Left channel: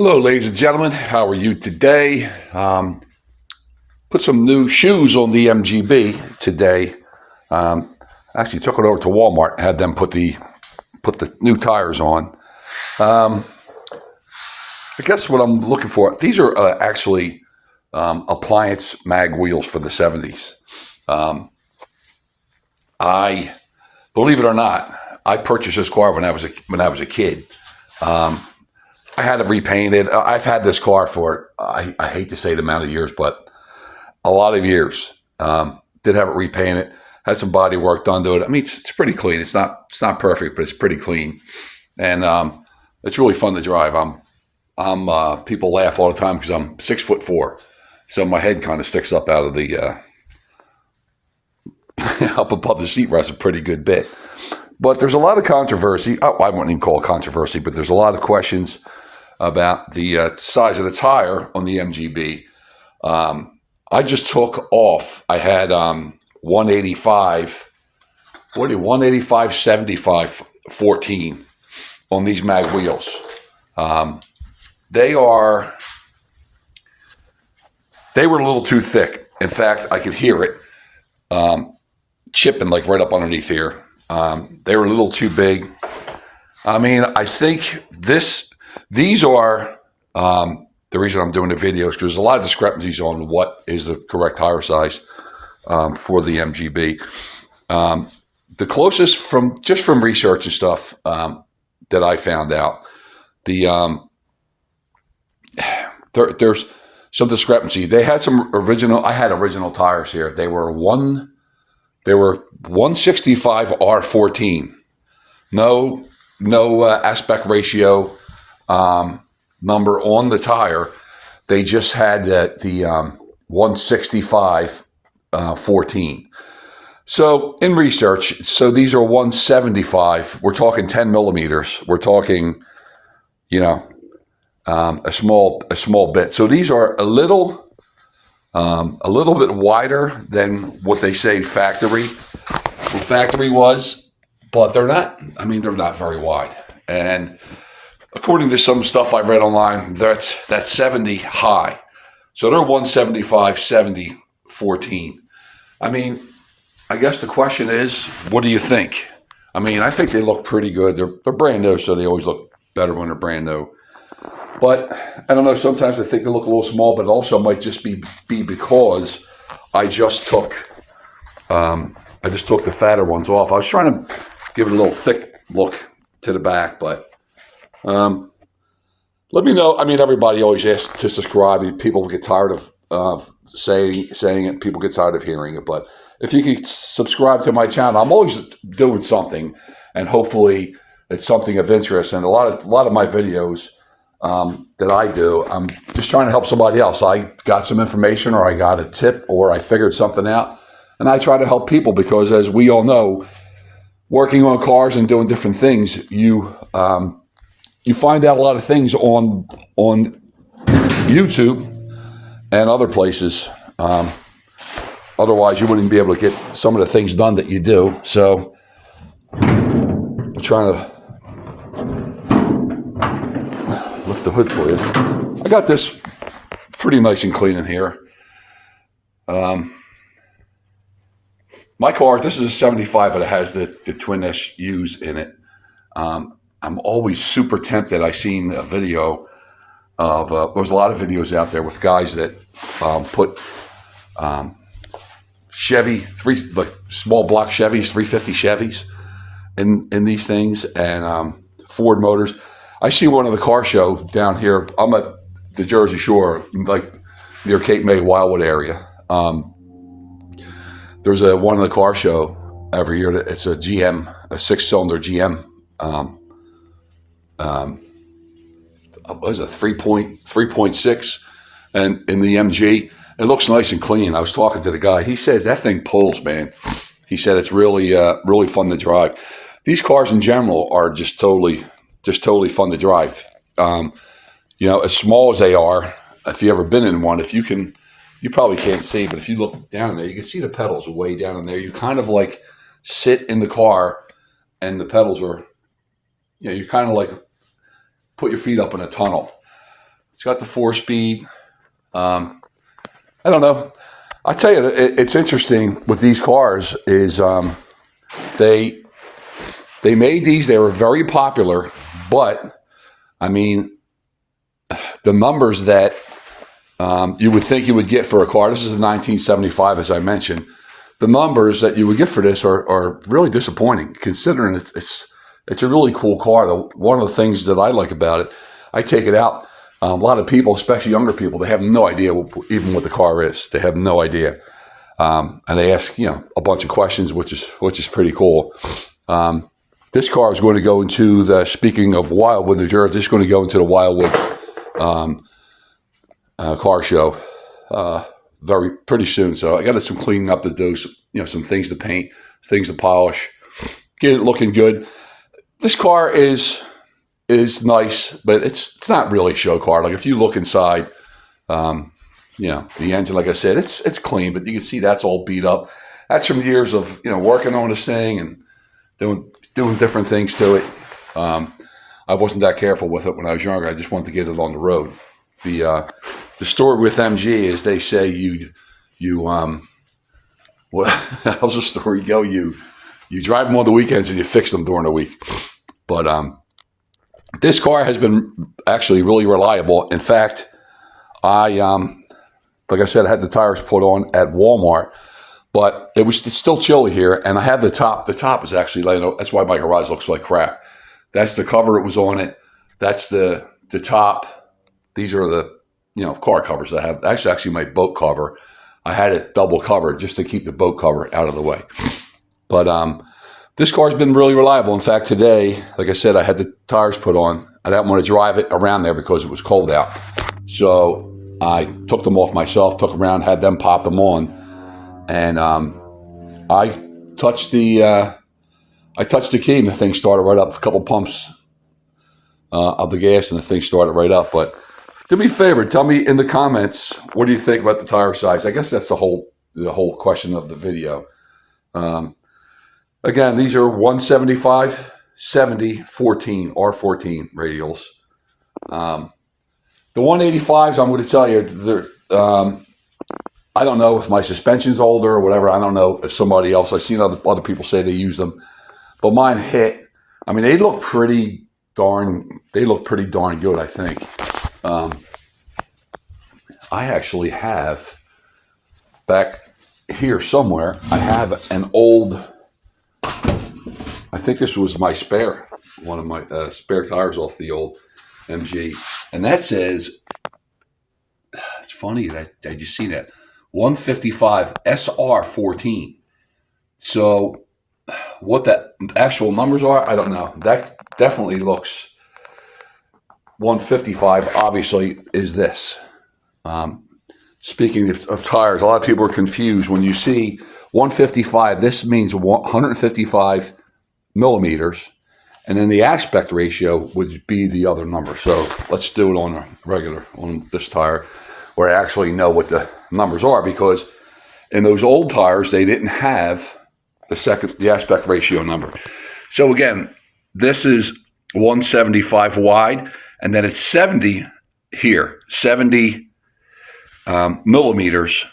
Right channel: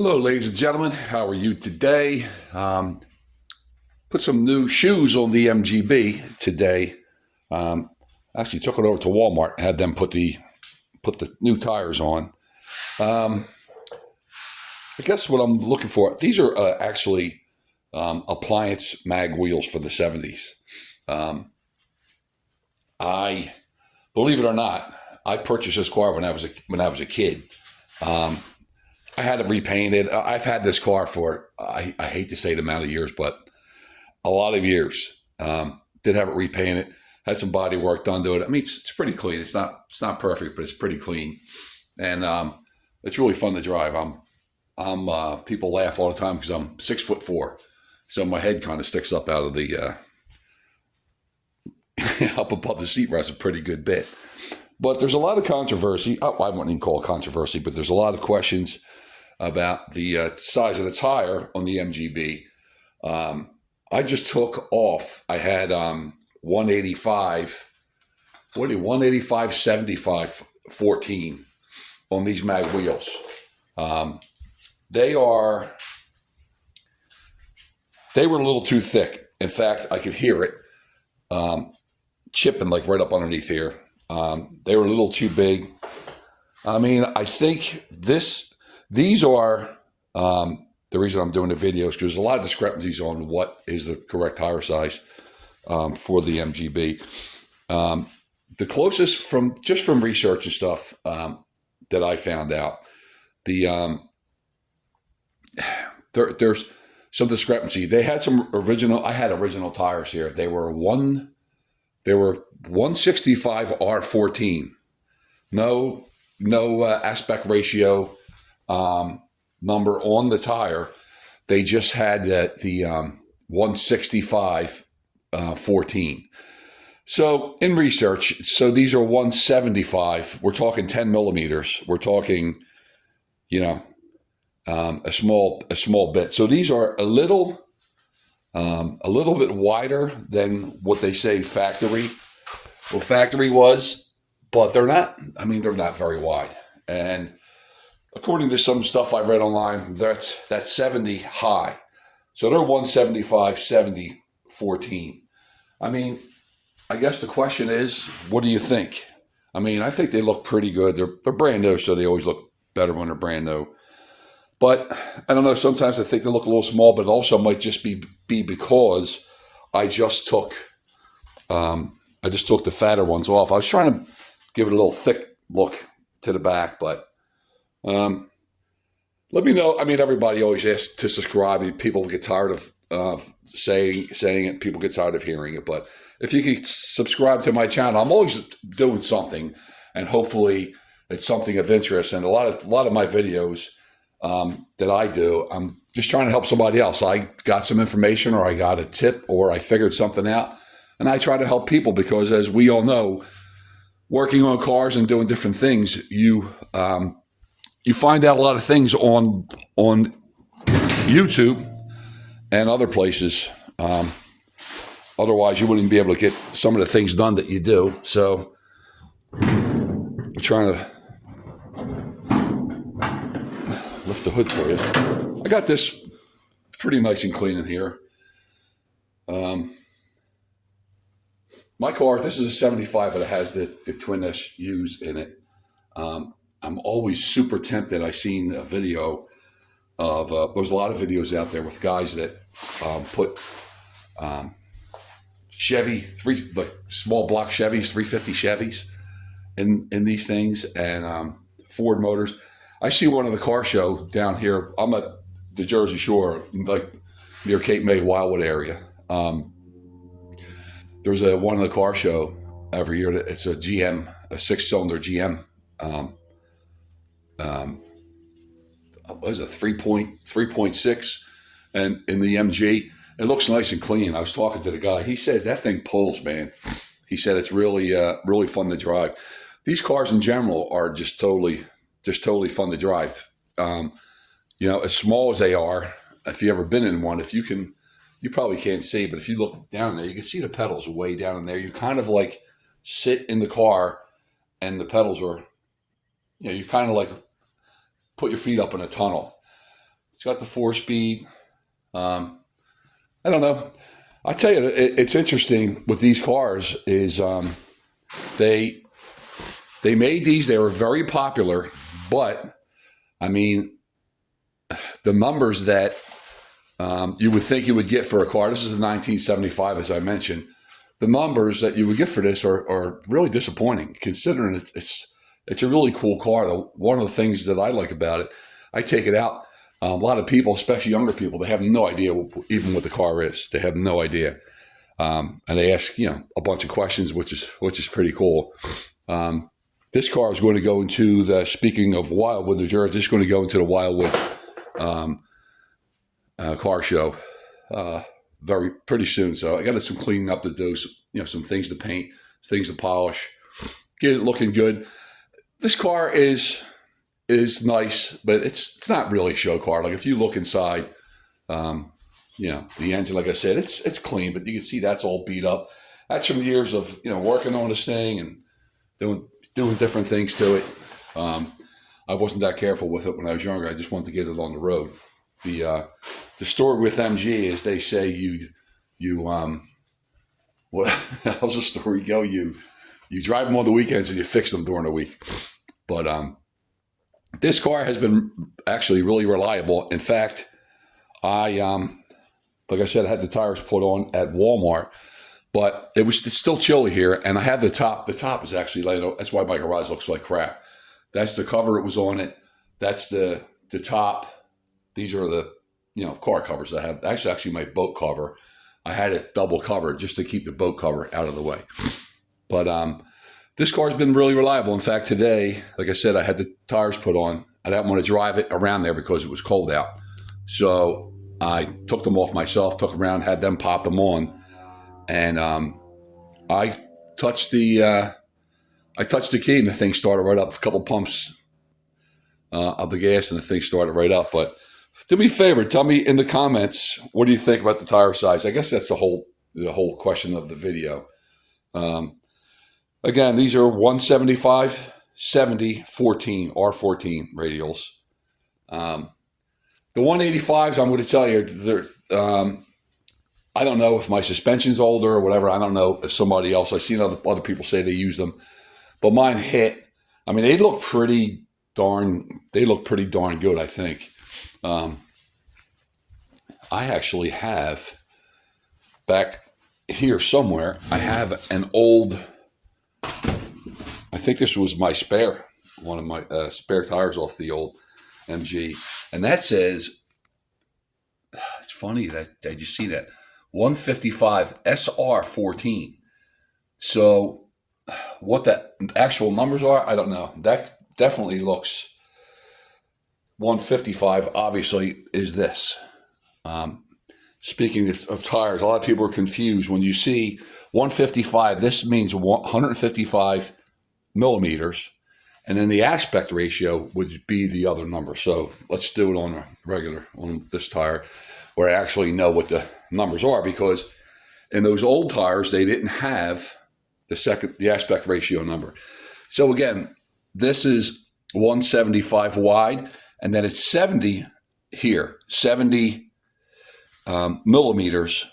Hello, ladies and gentlemen. How are you today? Put some new shoes on the MGB today. Um, Actually, took it over to Walmart, had them put the new tires on. Um, I guess what I'm looking for. These are actually appliance mag wheels for the '70s. Um, I believe it or not, I purchased this car when I was a kid. Um, I had it repainted. I've had this car for I hate to say the amount of years, but a lot of years. Did have it repainted, had some body work done to it. I mean, it's pretty clean. It's not perfect, but it's pretty clean, and it's really fun to drive. People laugh all the time because I'm 6'4", so my head kind of sticks up out of the up above the seat rest a pretty good bit. But there's a lot of controversy. Oh, I wouldn't even call it controversy, but there's a lot of questions about the size of the tire on the MGB. I just took off. I had 185, 185, 75, 14 on these mag wheels. Um, they are they were a little too thick. In fact, I could hear it chipping like right up underneath here. They were a little too big. I mean, I think these are the reason I'm doing the videos because there's a lot of discrepancies on what is the correct tire size for the MGB. The closest from research and stuff that I found out, the there's some discrepancy. They had some original. I had original tires here. They were 165 R14. No aspect ratio number on the tire. They just had the 165 14. So in research, so these are 175. We're talking 10 millimeters. We're talking, a small bit. So these are a little bit wider than what they say factory was, but they're not. I mean, they're not very wide. And according to some stuff I read online, that's 70 high. So they're 175, 70, 14. I mean, I guess the question is, what do you think? I mean, I think they look pretty good. They're brand new, so they always look better when they're brand new. But I don't know. Sometimes I think they look a little small, but it also might just be because I just took the fatter ones off. I was trying to give it a little thick look to the back, but let me know. I mean, everybody always asks to subscribe. People get tired of saying it. People get tired of hearing it. But if you could subscribe to my channel, I'm always doing something, and hopefully it's something of interest. And a lot of my videos that I do, I'm just trying to help somebody else. I got some information, or I got a tip, or I figured something out, and I try to help people because, as we all know, working on cars and doing different things, you find out a lot of things on YouTube and other places. Otherwise, you wouldn't be able to get some of the things done that you do. So, I'm trying to lift the hood for you. I got this pretty nice and clean in here. My car, this is a 75, but it has the twin SUs in it. I'm always super tempted. I seen a video of, there's a lot of videos out there with guys that put Chevy, like small block Chevys, 350 Chevys in these things, and Ford Motors. I see one at the car show down here. I'm at the Jersey Shore, like near Cape May, Wildwood area. There's one in the car show every year. It's a GM, a 6-cylinder GM. What is it, 3.6, and in the MG, it looks nice and clean. I was talking to the guy. He said that thing pulls, man. He said it's really, really fun to drive. These cars in general are just totally fun to drive. As small as they are, if you ever been in one, you probably can't see, but if you look down there, you can see the pedals way down in there. You kind of like sit in the car, and the pedals are, you kind of like put your feet up in a tunnel. It's got the 4-speed. I don't know. I tell you, it's interesting with these cars is they made these. They were very popular, but I mean, the numbers that you would think you would get for a car. This is a 1975, as I mentioned. The numbers that you would get for this are really disappointing, considering it's a really cool car. One of the things that I like about it, I take it out. A lot of people, especially younger people, they have no idea even what the car is. They have no idea, and they ask a bunch of questions, which is pretty cool. This car is going to go into the. Speaking of Wildwood, New Jersey, this is going to go into the Wildwood car show pretty soon. So I got some cleaning up to do. Some things to paint, things to polish, get it looking good. This car is nice, but it's not really a show car. Like if you look inside, the engine, like I said, it's clean, but you can see that's all beat up. That's from years of working on this thing and doing different things to it. I wasn't that careful with it when I was younger. I just wanted to get it on the road. The story with MG is they say you how's the story go? You drive them on the weekends and you fix them during the week. But this car has been actually really reliable. In fact, like I said, I had the tires put on at Walmart, but it's still chilly here, and I have the top. The top is actually that's why my garage looks like crap. That's the cover that was on it. That's the top. These are the car covers I have. That's actually my boat cover. I had it double covered just to keep the boat cover out of the way. But this car's been really reliable. In fact, today, like I said, I had the tires put on. I didn't want to drive it around there because it was cold out. So I took them off myself, took them around, had them pop them on. And I touched the key and the thing started right up. A couple pumps of the gas and the thing started right up. But do me a favor, tell me in the comments, what do you think about the tire size? I guess that's the whole question of the video. Again, these are 175, 70, 14, R14 radials. The 185s, I'm going to tell you, I don't know if my suspension's older or whatever. I don't know if somebody else, I've seen other people say they use them, but mine hit. I mean, they look pretty darn good, I think. I actually have, back here somewhere, I have an old, I think this was my one of my spare tires off the old MG. And that says, it's funny that I just seen that, 155 SR14. So what the actual numbers are, I don't know. That definitely looks, 155 obviously is this. Speaking of tires, a lot of people are confused. When you see 155, this means 155 millimeters, and then the aspect ratio would be the other number. So let's do it on this tire, where I actually know what the numbers are, because in those old tires, they didn't have the aspect ratio number. So again, this is 175 wide, and then it's 70 here, 70 millimeters,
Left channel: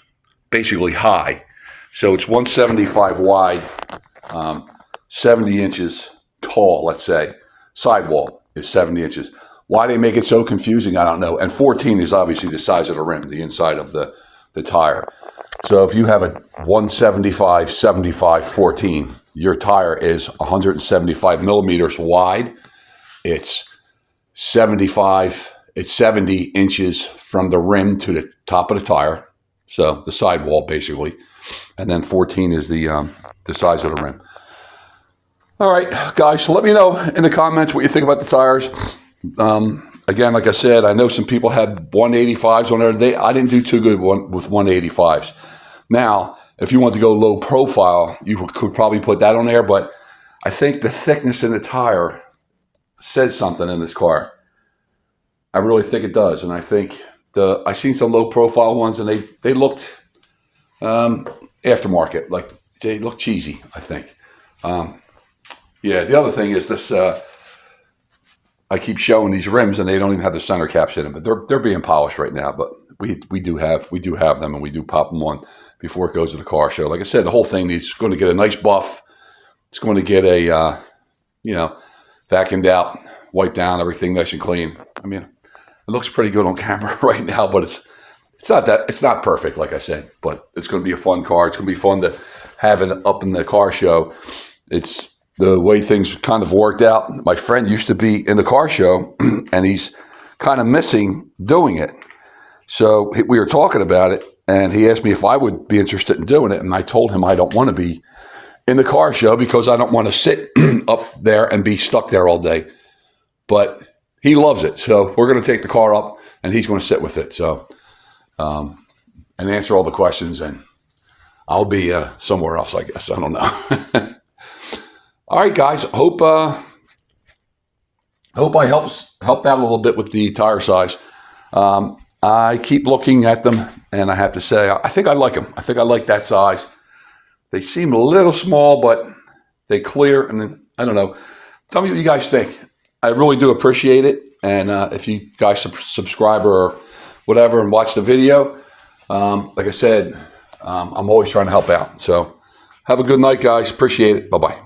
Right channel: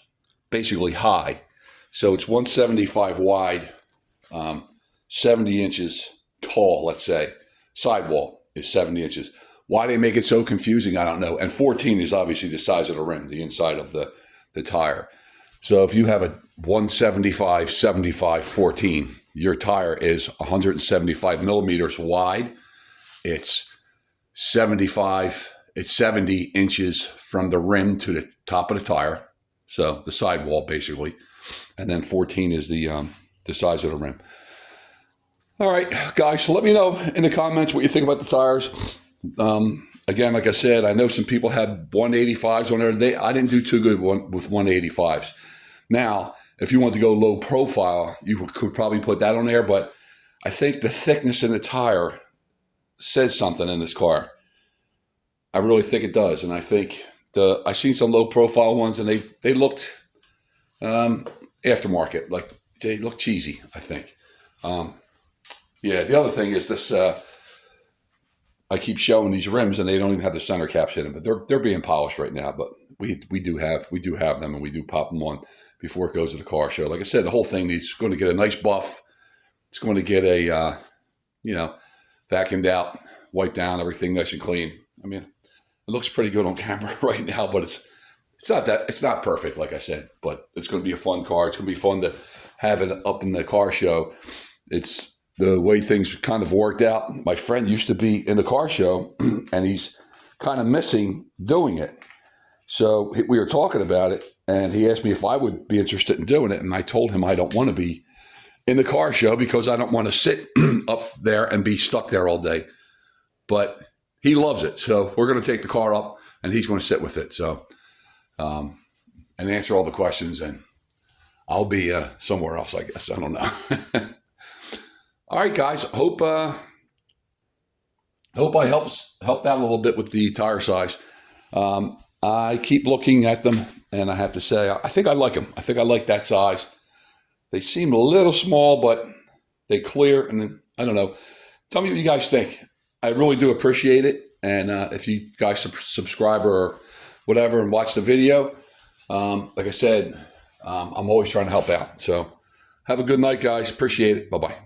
basically high. So it's 175 wide, 70 inches tall, let's say. Sidewall is 70 inches. Why they make it so confusing, I don't know. And 14 is obviously the size of the rim, the inside of the tire. So if you have a 175, 75, 14, your tire is 175 millimeters wide. It's 70 inches from the rim to the top of the tire. So the sidewall, basically. And then 14 is the size of the rim. All right, guys, so let me know in the comments what you think about the tires. Again, like I said, I know some people had 185s on there. I didn't do too good with 185s. Now, if you want to go low profile, you could probably put that on there, but I think the thickness in the tire says something in this car. I really think it does, and I think I've seen some low profile ones, and they looked aftermarket, like they look cheesy, I think. Yeah, the other thing is this I keep showing these rims, and they don't even have the center caps in them, but they're being polished right now. But we do have them, and we do pop them on before it goes to the car show. Like I said, the whole thing is going to get a nice buff. It's going to get a vacuumed out, wiped down, everything nice and clean. I mean, it looks pretty good on camera right now, but it's not perfect, like I said. But it's going to be a fun car. It's going to be fun to have it up in the car show. It's the way things kind of worked out. My friend used to be in the car show, and he's kind of missing doing it. So we were talking about it, and he asked me if I would be interested in doing it, and I told him I don't want to be in the car show because I don't want to sit up there and be stuck there all day. But he loves it, so we're going to take the car up, and he's going to sit with it. So, and answer all the questions, and I'll be somewhere else, I guess. I don't know. All right, guys. Hope I helped out a little bit with the tire size. I keep looking at them, and I have to say, I think I like them. I think I like that size. They seem a little small, but they clear. And then, I don't know. Tell me what you guys think. I really do appreciate it. And if you guys subscribe or whatever and watch the video, like I said, I'm always trying to help out. So have a good night, guys. Appreciate it. Bye-bye.